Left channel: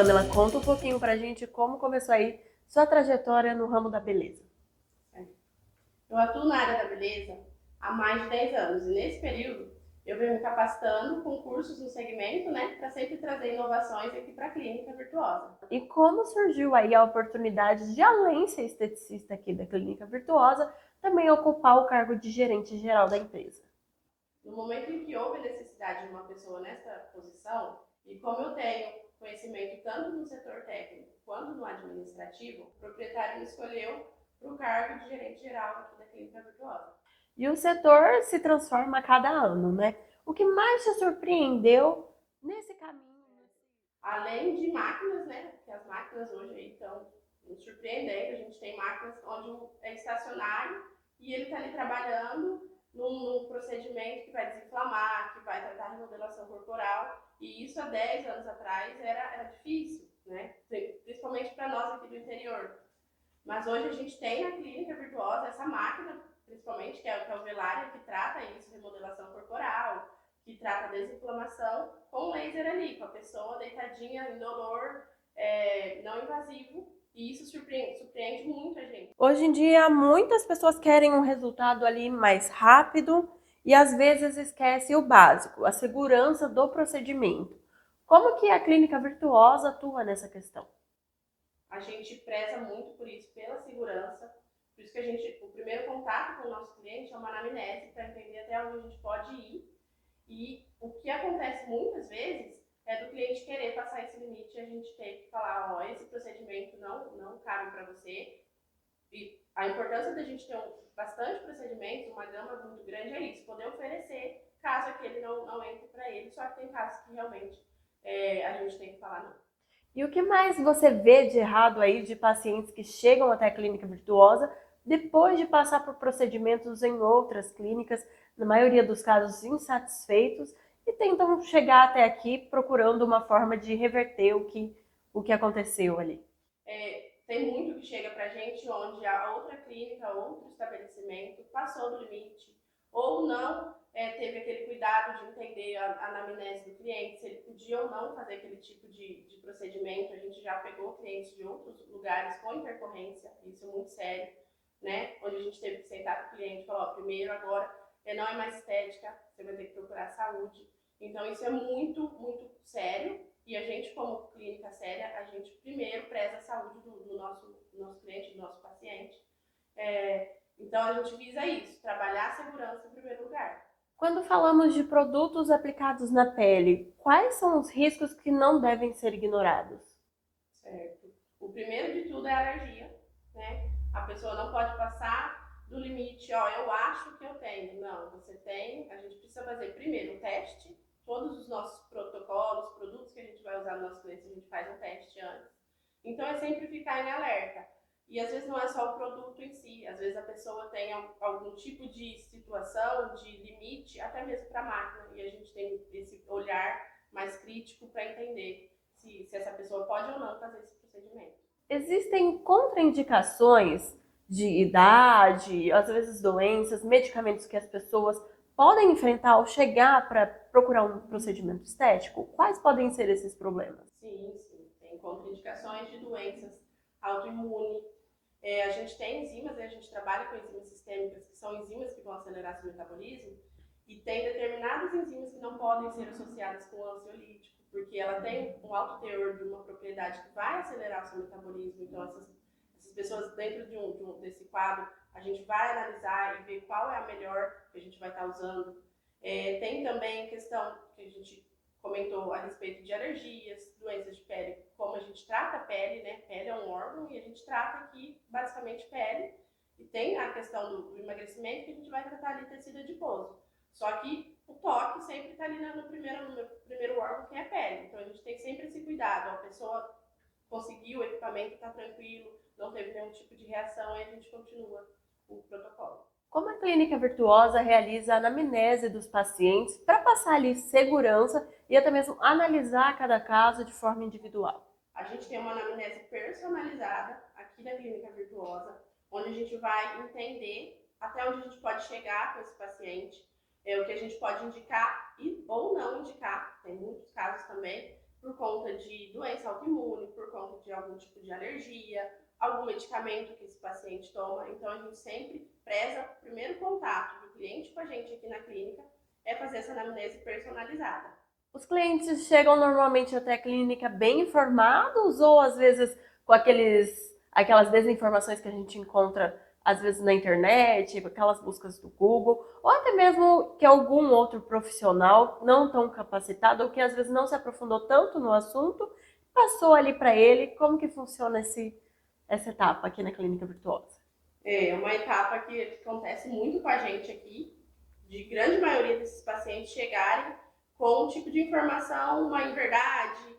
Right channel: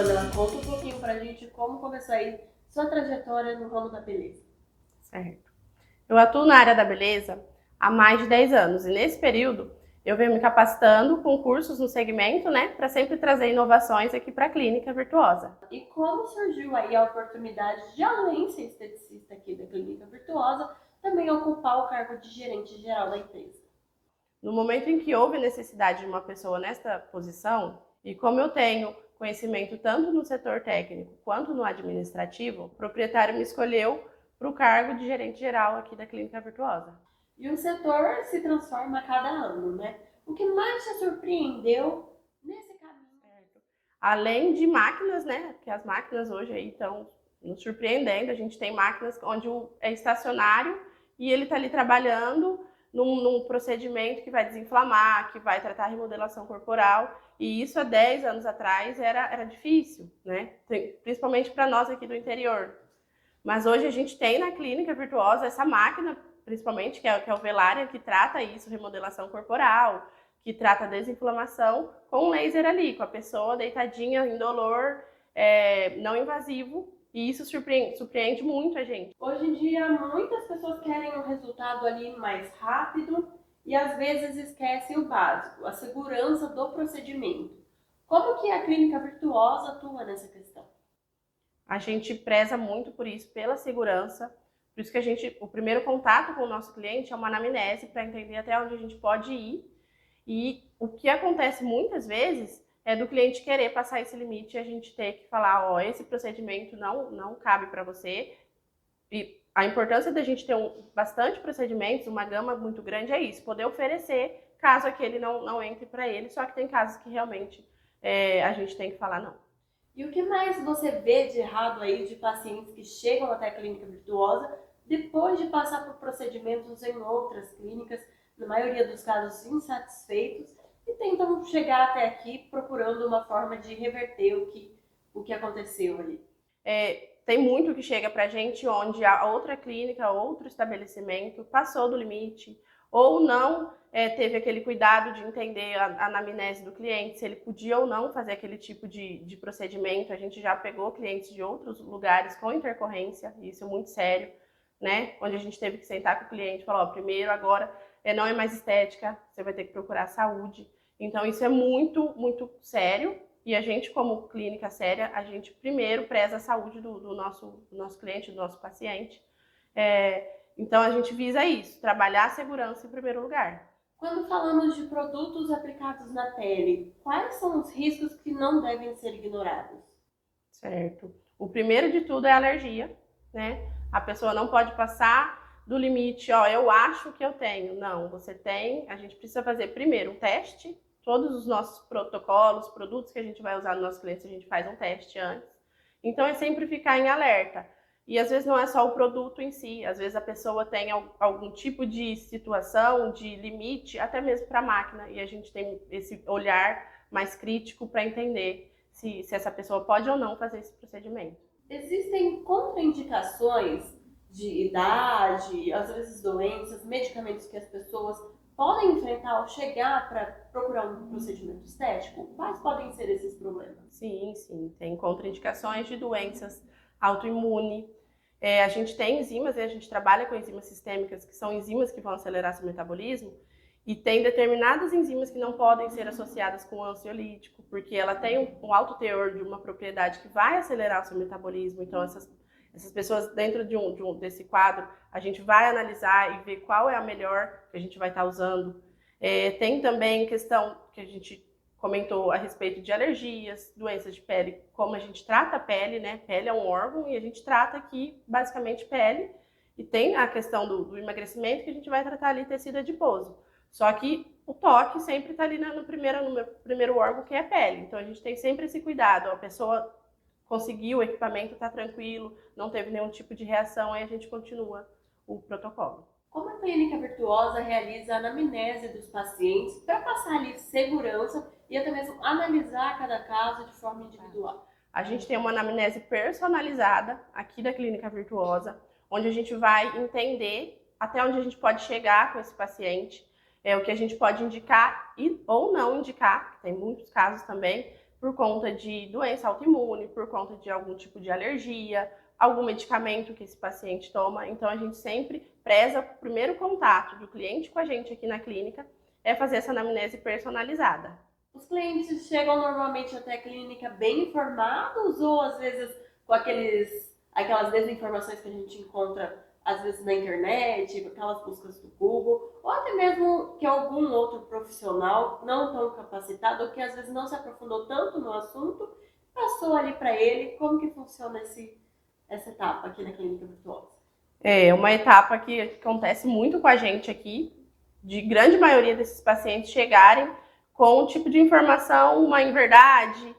Pamela, conta um pouquinho pra gente como começou aí sua trajetória no ramo da beleza. Certo. Eu atuo na área da beleza há mais de 10 anos e nesse período eu venho me capacitando com cursos no segmento, né, para sempre trazer inovações aqui para a Clínica Virtuosa. E como surgiu aí a oportunidade de, além de ser esteticista aqui da Clínica Virtuosa, também ocupar o cargo de gerente geral da empresa? No momento em que houve necessidade de uma pessoa nesta posição, e como eu tenho conhecimento tanto no setor técnico quanto no administrativo, o proprietário me escolheu para o cargo de gerente geral aqui da Clínica Virtuosa. E o setor se transforma a cada ano, né? O que mais te surpreendeu nesse caminho? Além de máquinas, né? Que as máquinas hoje aí estão nos surpreendendo. A gente tem máquinas onde é estacionário e ele está ali trabalhando num procedimento que vai desinflamar, que vai tratar a remodelação corporal. E isso há 10 anos atrás era difícil, né? Principalmente para nós aqui do interior. Mas hoje a gente tem na Clínica Virtuosa essa máquina, principalmente, que é o Velária, que trata isso, remodelação corporal, que trata a desinflamação, com um laser ali, com a pessoa deitadinha, indolor, não invasivo, e isso surpreende muito a gente. Hoje em dia, muitas pessoas querem um resultado ali mais rápido e às vezes esquecem o básico, a segurança do procedimento. Como que a Clínica Virtuosa atua nessa questão? A gente preza muito por isso, pela segurança. Por isso que o primeiro contato com o nosso cliente é uma anamnese para entender até onde a gente pode ir. E o que acontece muitas vezes é do cliente querer passar esse limite e a gente ter que falar, ó, esse procedimento não cabe para você. E a importância da gente ter bastante procedimentos, uma gama muito grande, é isso, poder oferecer caso aquele não entre para ele, só que tem casos que realmente a gente tem que falar não. E o que mais você vê de errado aí de pacientes que chegam até a Clínica Virtuosa depois de passar por procedimentos em outras clínicas, na maioria dos casos insatisfeitos, e tentam chegar até aqui procurando uma forma de reverter o que aconteceu ali? Tem muito que chega pra gente onde a outra clínica, outro estabelecimento passou do limite ou não teve aquele cuidado de entender a anamnese do cliente, se ele podia ou não fazer aquele tipo de procedimento. A gente já pegou clientes de outros lugares com intercorrência, e isso é muito sério, né? Onde a gente teve que sentar com o cliente e falar, ó, primeiro, agora não é mais estética, você vai ter que procurar saúde. Então isso é muito, muito sério. E a gente, como clínica séria, a gente primeiro preza a saúde do nosso cliente, do nosso paciente. Então a gente visa isso, trabalhar a segurança em primeiro lugar. Quando falamos de produtos aplicados na pele, quais são os riscos que não devem ser ignorados? Certo. O primeiro de tudo é a alergia, né? A pessoa não pode passar do limite, ó, eu acho que eu tenho. Não, você tem. A gente precisa fazer primeiro um teste. Todos os nossos protocolos, produtos que a gente vai usar nos nossos clientes, a gente faz um teste antes. Então é sempre ficar em alerta. E às vezes não é só o produto em si, às vezes a pessoa tem algum tipo de situação, de limite, até mesmo para a máquina, e a gente tem esse olhar mais crítico para entender se essa pessoa pode ou não fazer esse procedimento. Existem contraindicações de idade, às vezes doenças, medicamentos que as pessoas podem enfrentar ao chegar para procurar um procedimento estético? Quais podem ser esses problemas? Sim, sim. Tem contraindicações de doenças autoimunes. A gente tem enzimas, a gente trabalha com enzimas sistêmicas, que são enzimas que vão acelerar seu metabolismo, e tem determinadas enzimas que não podem ser associadas com o ansiolítico, porque ela tem um alto teor de uma propriedade que vai acelerar o seu metabolismo. Então, essas pessoas, dentro desse quadro, a gente vai analisar e ver qual é a melhor que a gente vai estar usando. Tem também questão que a gente comentou a respeito de alergias, doenças de pele, como a gente trata a pele, né? Pele é um órgão e a gente trata aqui basicamente pele. E tem a questão do emagrecimento, que a gente vai tratar ali tecido adiposo. Só que o toque sempre está ali no primeiro órgão, que é a pele. Então a gente tem sempre esse cuidado. A pessoa conseguiu, o equipamento está tranquilo, não teve nenhum tipo de reação, aí a gente continua o protocolo. Como a Clínica Virtuosa realiza a anamnese dos pacientes para passar ali segurança e até mesmo analisar cada caso de forma individual? A gente tem uma anamnese personalizada aqui da Clínica Virtuosa, onde a gente vai entender até onde a gente pode chegar com esse paciente, o que a gente pode indicar ou não indicar, tem muitos casos também, por conta de doença autoimune, por conta de algum tipo de alergia, algum medicamento que esse paciente toma. Então, a gente sempre preza o primeiro contato do cliente com a gente aqui na clínica é fazer essa anamnese personalizada. Os clientes chegam normalmente até a clínica bem informados ou às vezes com aquelas desinformações que a gente encontra às vezes na internet, aquelas buscas do Google, ou até mesmo que algum outro profissional não tão capacitado ou que às vezes não se aprofundou tanto no assunto, passou ali para ele como que funciona essa etapa aqui na Clínica Virtuosa. É uma etapa que acontece muito com a gente aqui, de grande maioria desses pacientes chegarem com um tipo de informação, uma inverdade,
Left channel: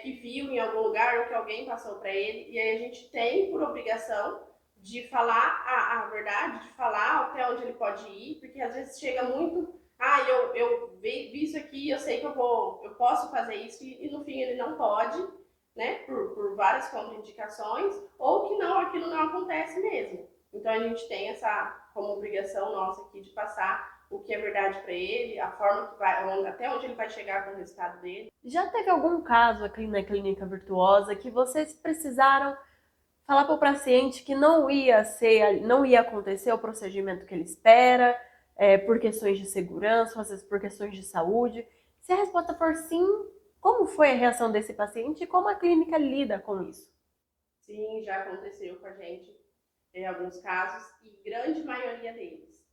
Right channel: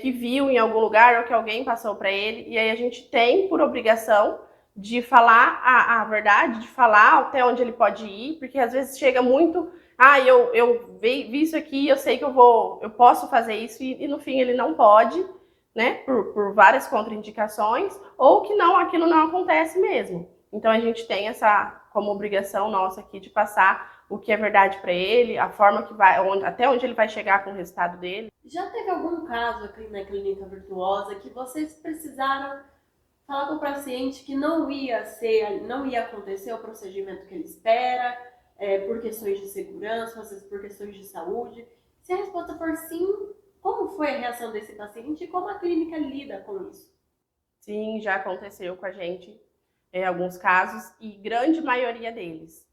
que viu em algum lugar ou que alguém passou para ele, e aí a gente tem por obrigação de falar a verdade, de falar até onde ele pode ir, porque às vezes chega muito, eu vi isso aqui, eu sei que eu posso fazer isso, e no fim ele não pode, né, por várias contraindicações, ou que não, aquilo não acontece mesmo. Então a gente tem essa como obrigação nossa aqui de passar o que é verdade para ele, a forma que vai, até onde ele vai chegar com o resultado dele. Já teve algum caso aqui na Clínica Virtuosa que vocês precisaram falar para o paciente que não ia acontecer o procedimento que ele espera, por questões de segurança, às vezes por questões de saúde? Se a resposta for sim, como foi a reação desse paciente e como a clínica lida com isso? Sim, já aconteceu com a gente alguns casos, e grande maioria deles.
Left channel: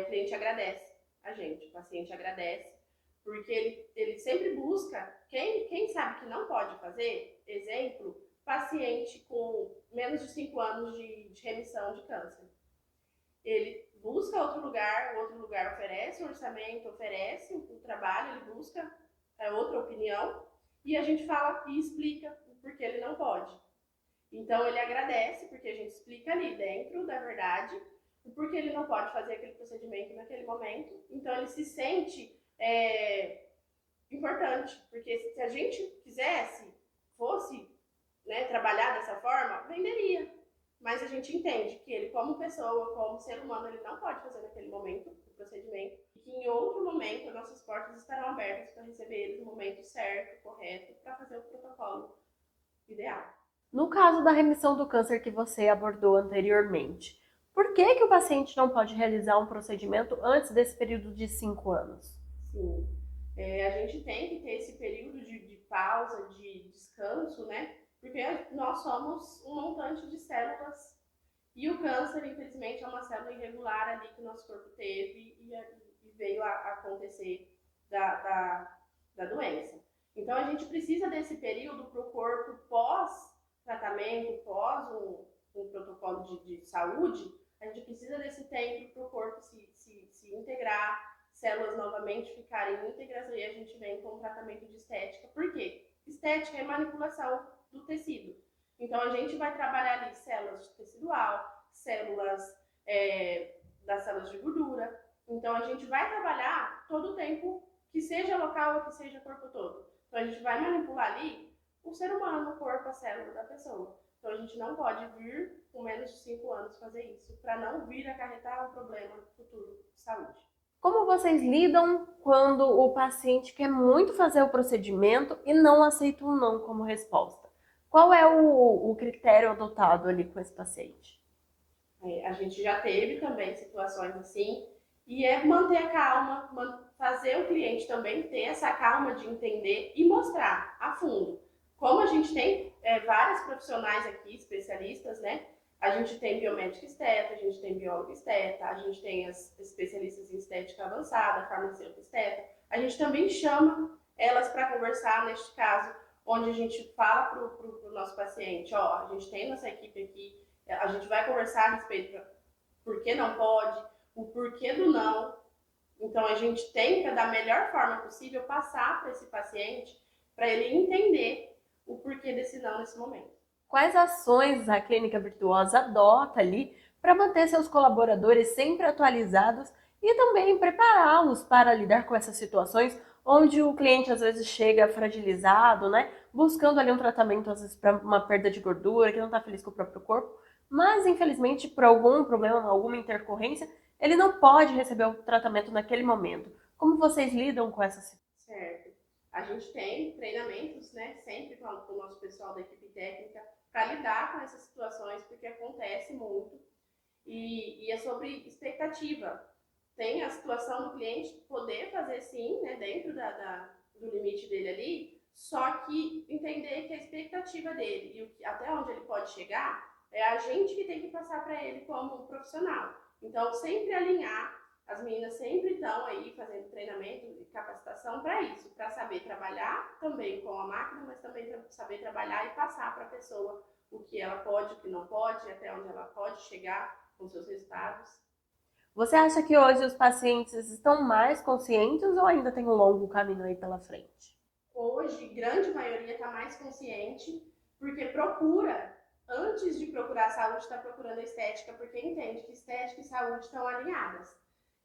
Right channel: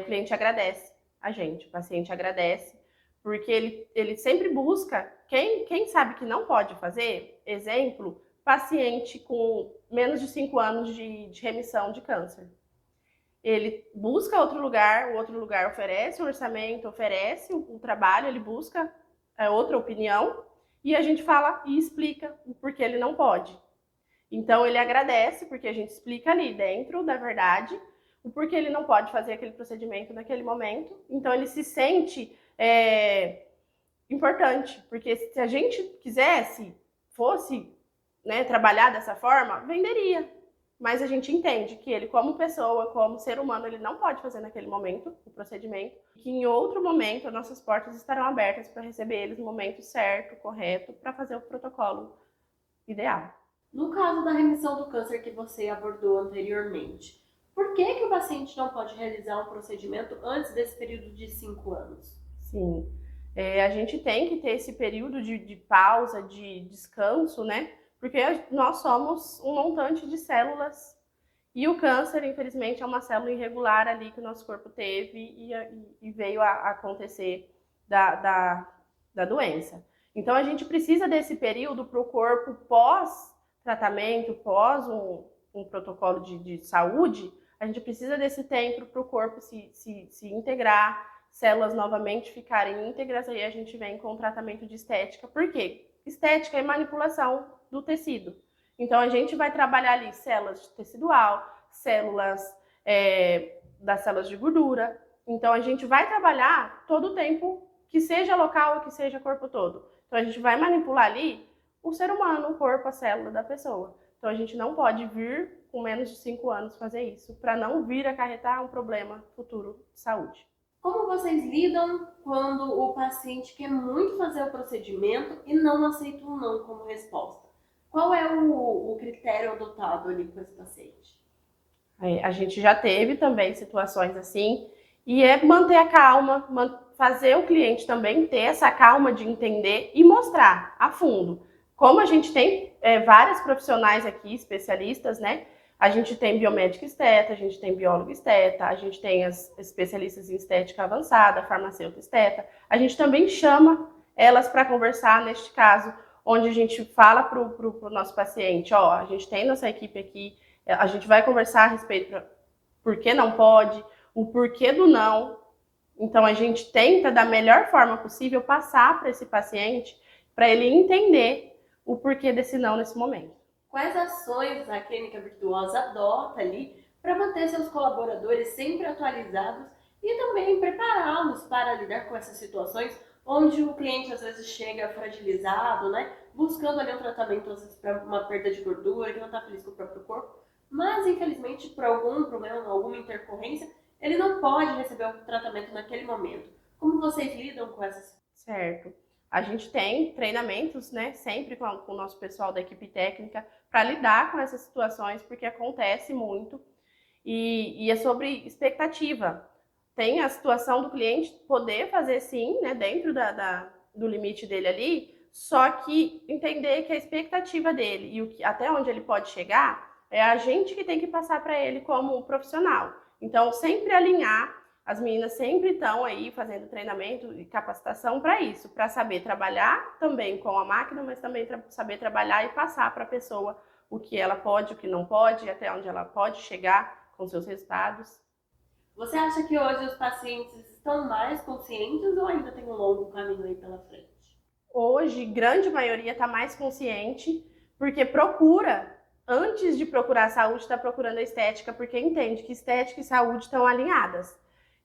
O cliente agradece a gente, o paciente agradece, porque ele sempre busca quem sabe que não pode fazer, exemplo, paciente com menos de 5 anos de remissão de câncer. Ele busca outro lugar, o outro lugar oferece um orçamento, oferece um trabalho, ele busca outra opinião, e a gente fala e explica o porquê ele não pode. Então ele agradece, porque a gente explica ali dentro da verdade o porquê ele não pode fazer aquele procedimento naquele momento. Então ele se sente importante, porque se a gente fosse, né, trabalhar dessa forma, venderia. Mas a gente entende que ele, como pessoa, como ser humano, ele não pode fazer naquele momento o procedimento, e que em outro momento as nossas portas estarão abertas para receber eles no momento certo, correto, para fazer o protocolo ideal. No caso da remissão do câncer que você abordou anteriormente, por que o paciente não pode realizar um procedimento antes desse período de 5 anos? Sim, a gente tem que ter esse período de pausa, de descanso, né? Porque nós somos um montante de células, e o câncer, infelizmente, é uma célula irregular ali que o nosso corpo teve e veio a acontecer da doença. Então a gente precisa desse período para o corpo pós-tratamento, pós um protocolo de saúde, a gente precisa desse tempo para o corpo se integrar, células novamente ficarem íntegras, aí a gente vem com o tratamento de estética. Por quê? Estética é manipulação do tecido. Então a gente vai trabalhar ali células tecidual, células das células de gordura. Então a gente vai trabalhar todo o tempo, que seja local ou que seja corpo todo. Então a gente vai manipular ali o ser humano, o corpo, a célula da pessoa. Então a gente não pode vir com menos de 5 anos fazer isso, para não vir acarretar um problema futuro de saúde. Como vocês lidam quando o paciente quer muito fazer o procedimento e não aceita um não como resposta? Qual é o critério adotado ali com esse paciente? A gente já teve também situações assim, e é manter a calma, fazer o cliente também ter essa calma de entender e mostrar a fundo. Como a gente tem vários profissionais aqui, especialistas, né? A gente tem biomédico esteta, a gente tem biólogo esteta, a gente tem as especialistas em estética avançada, farmacêutico esteta. A gente também chama elas para conversar, neste caso, onde a gente fala para o nosso paciente, ó, a gente tem nossa equipe aqui, a gente vai conversar a respeito do porquê não pode, o porquê do não. Então a gente tenta, da melhor forma possível, passar para esse paciente, para ele entender o porquê desse não nesse momento. Quais ações a Clínica Virtuosa adota ali para manter seus colaboradores sempre atualizados e também prepará-los para lidar com essas situações onde o cliente às vezes chega fragilizado, né? Buscando ali um tratamento às vezes para uma perda de gordura, que não está feliz com o próprio corpo, mas infelizmente por algum problema, alguma intercorrência, ele não pode receber o tratamento naquele momento. Como vocês lidam com essa situação? Certo. A gente tem treinamentos, né, sempre com o nosso pessoal da equipe técnica para lidar com essas situações, porque acontece muito. E é sobre expectativa. Tem a situação do cliente poder fazer sim, né, dentro do limite dele ali, só que entender que a expectativa dele e até onde ele pode chegar é a gente que tem que passar para ele como profissional. Então, sempre alinhar, as meninas sempre estão aí fazendo treinamento e capacitação para isso, para saber trabalhar também com a máquina, mas também saber trabalhar e passar para a pessoa o que ela pode, o que não pode, até onde ela pode chegar com seus resultados. Você acha que hoje os pacientes estão mais conscientes ou ainda tem um longo caminho aí pela frente? Hoje, grande maioria está mais consciente, porque procura, antes de procurar a saúde, está procurando a estética, porque entende que estética e saúde estão alinhadas.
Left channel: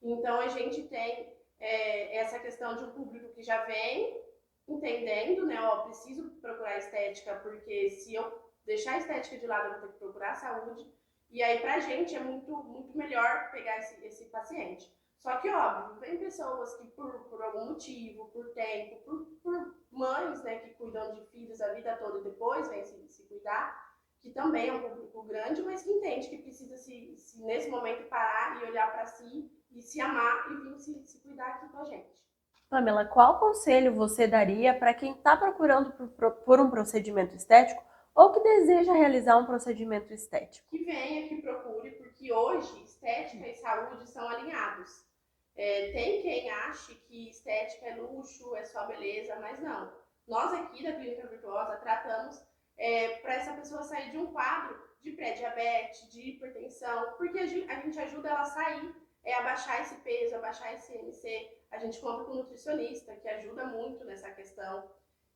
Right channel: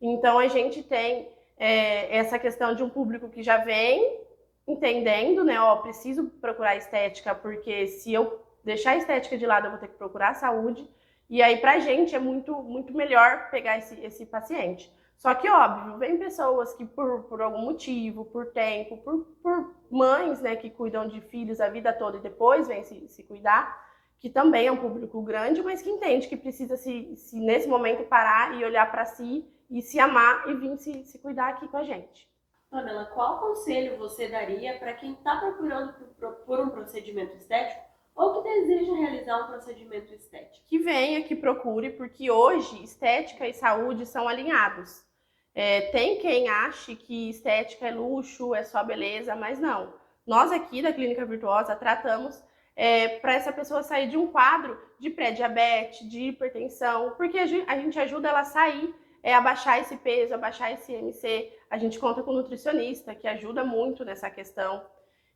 Então, a gente tem essa questão de um público que já vem entendendo, né? Ó, preciso procurar a estética, porque se eu deixar a estética de lado, eu vou ter que procurar a saúde. E aí, pra gente, é muito melhor pegar esse paciente. Só que, óbvio, vem pessoas que por algum motivo, por tempo, por mães, né, que cuidam de filhos a vida toda e depois vêm se cuidar, que também é um público grande, mas que entende que precisa se nesse momento parar e olhar para si e se amar e vir se cuidar aqui com a gente. Pamela, qual conselho você daria para quem está procurando por um procedimento estético ou que deseja realizar um procedimento estético? Que venha, que procure, porque hoje estética e saúde são alinhados. Tem quem ache que estética é luxo, é só beleza, mas não. Nós aqui da Clínica Virtuosa tratamos para essa pessoa sair de um quadro de pré-diabetes, de hipertensão, porque a gente ajuda ela a sair, abaixar esse peso, abaixar esse IMC. A gente conta com nutricionista, que ajuda muito nessa questão.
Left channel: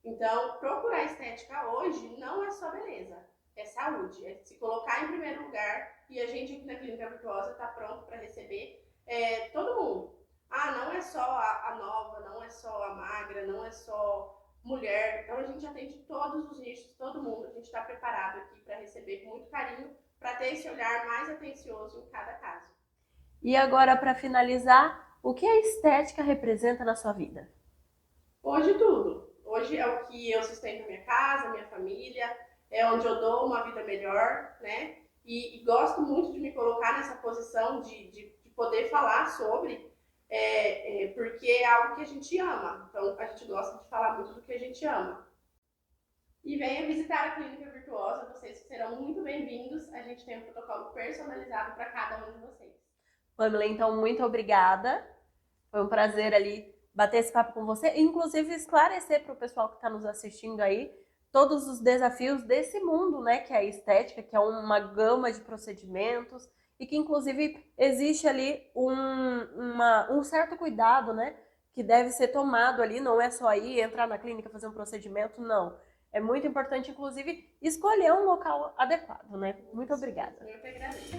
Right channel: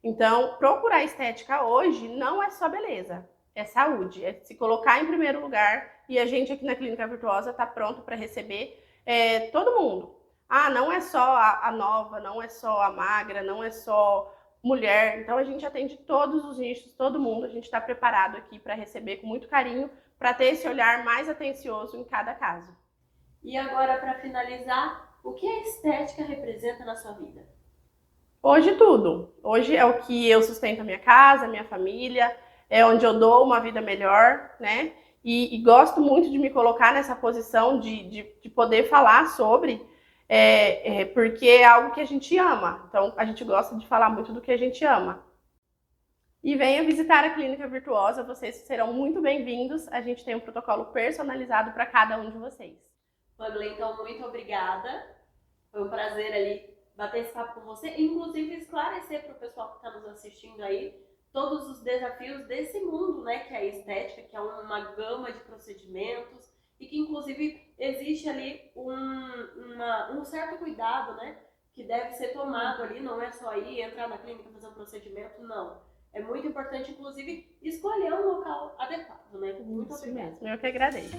Então, procurar estética hoje não é só beleza, é saúde, é se colocar em primeiro lugar, e a gente aqui na Clínica Virtuosa está pronto para receber todo mundo. Ah, não é só a nova, não é só a magra, não é só mulher. Então, a gente atende todos os nichos, todo mundo. A gente está preparado aqui para receber com muito carinho, para ter esse olhar mais atencioso em cada caso. E agora, para finalizar, o que a estética representa na sua vida? Hoje tudo. Hoje é o que eu sustento a minha casa, a minha família, é onde eu dou uma vida melhor, né? E gosto muito de me colocar nessa posição de poder falar sobre, porque é algo que a gente ama. Então, a gente gosta de falar muito do que a gente ama. E venha visitar a Clínica Virtuosa, vocês serão muito bem-vindos. A gente tem um protocolo personalizado para cada um de vocês. Pamela, então, muito obrigada. Foi um prazer ali bater esse papo com você, inclusive esclarecer para o pessoal que está nos assistindo aí todos os desafios desse mundo, né, que é a estética, que é uma gama de procedimentos e que inclusive existe ali um certo cuidado, né, que deve ser tomado ali, não é só ir entrar na clínica fazer um procedimento, não. É muito importante, inclusive, escolher um local adequado, né? Muito obrigada. Eu que agradeço.